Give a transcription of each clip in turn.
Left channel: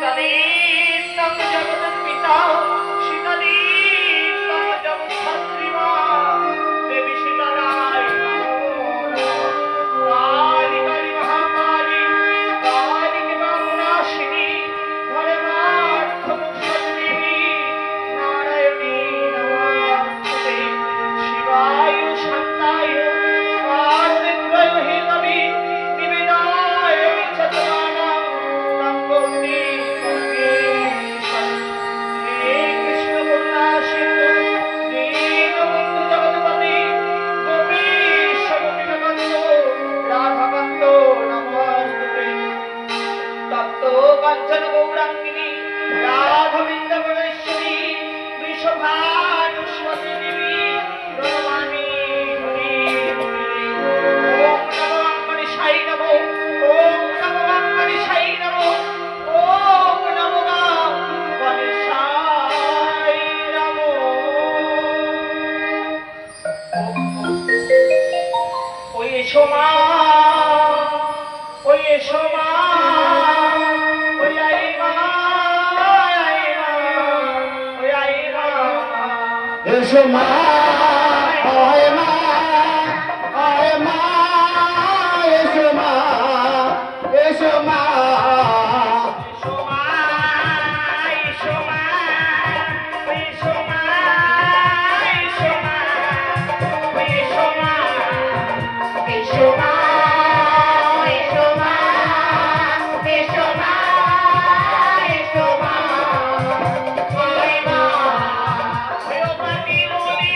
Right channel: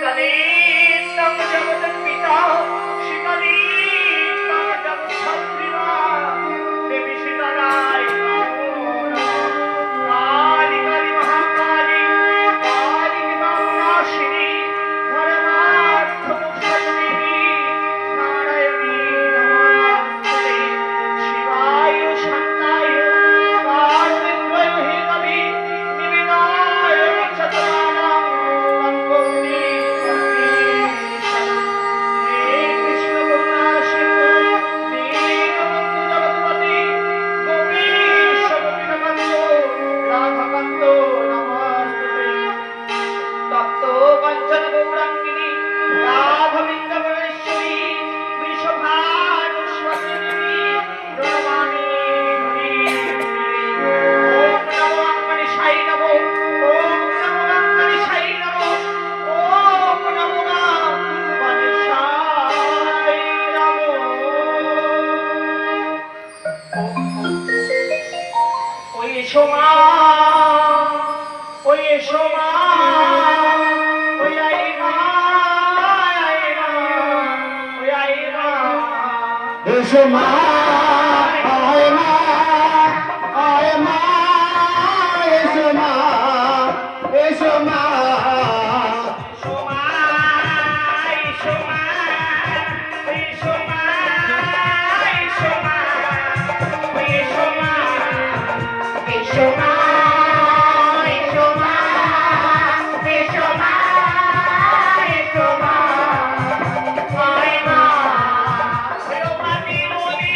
শীতলীতং জগৎপিতা শীতলীতং জগৎধাত্রীমা দেবী শীতলায় কালী কালী মহাকালী কালী বামনাশিনী ধর্মার্থমুক্ষদেবী নারায়ণী নমস্তে শিবায় শান্তায় কারণেন্দ্রয় হেতবে নিবেদায় চতমানা তঙ্গন্তি হে কৃষ্ণ করুণা সিন্ধু দীনবন্ধু জগৎপতি গোপীশ গোপীকান্ত রাধাকান্ত নমস্তুতে তপ্ত কাঞ্চন গৌরাঙ্গিনী রাধবৃন্দগণেশ্বরী বৃষভানুস্বতী দেবী রণমানি ওম নমো গণেশায় নমো ওম নমো গণেশায় নমো ওম নমো গণেশায় নমো। ওই এসো মা ওই এসো মা ওই আই মা আই মা ওই আই মা এসো মা আয় মা আয় মা এসো মা এসো মা এসো মা এসো মা এসো মা এসো মা এসো মা এসো মা এসো মা এসো মা এসো মা আয় মা ওই প্রাণী বলি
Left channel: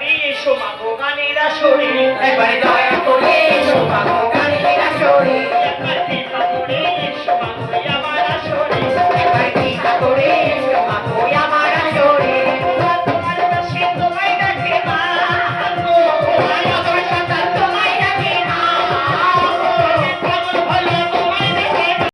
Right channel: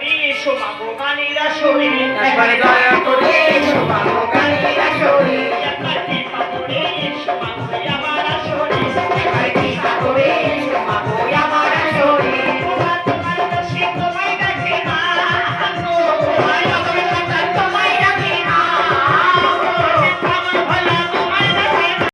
করে এসো মাগো গানের আসরে একবার দয়া করে এসো মাগো গানের আসরে